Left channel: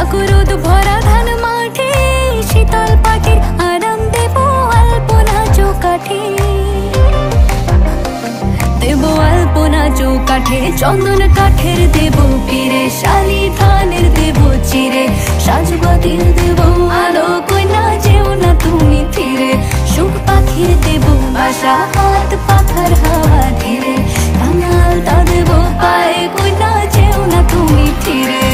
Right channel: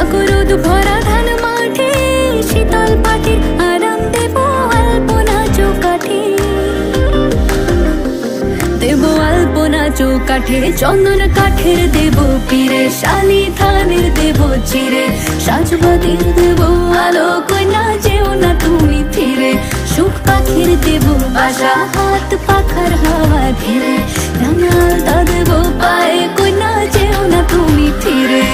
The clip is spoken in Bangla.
চাকরোদ ভরা ধান মাঠে শীতল পাটির আরাম দেব আলপনা চৌকাঠে, দেব আলপনা চৌকাঠে চন্দন কাঠের দেব পীরে, শালি ধানের দেব চিরে, সাজবাতির দেব আলো কইনা যেও না তুমি ফিরে, সুখ পাখির দেব বাসা হাত পাখার হাওয়া ধীরে, রাঙাল তা দেব পায়ে কইনা যেও না তুমি ফিরে।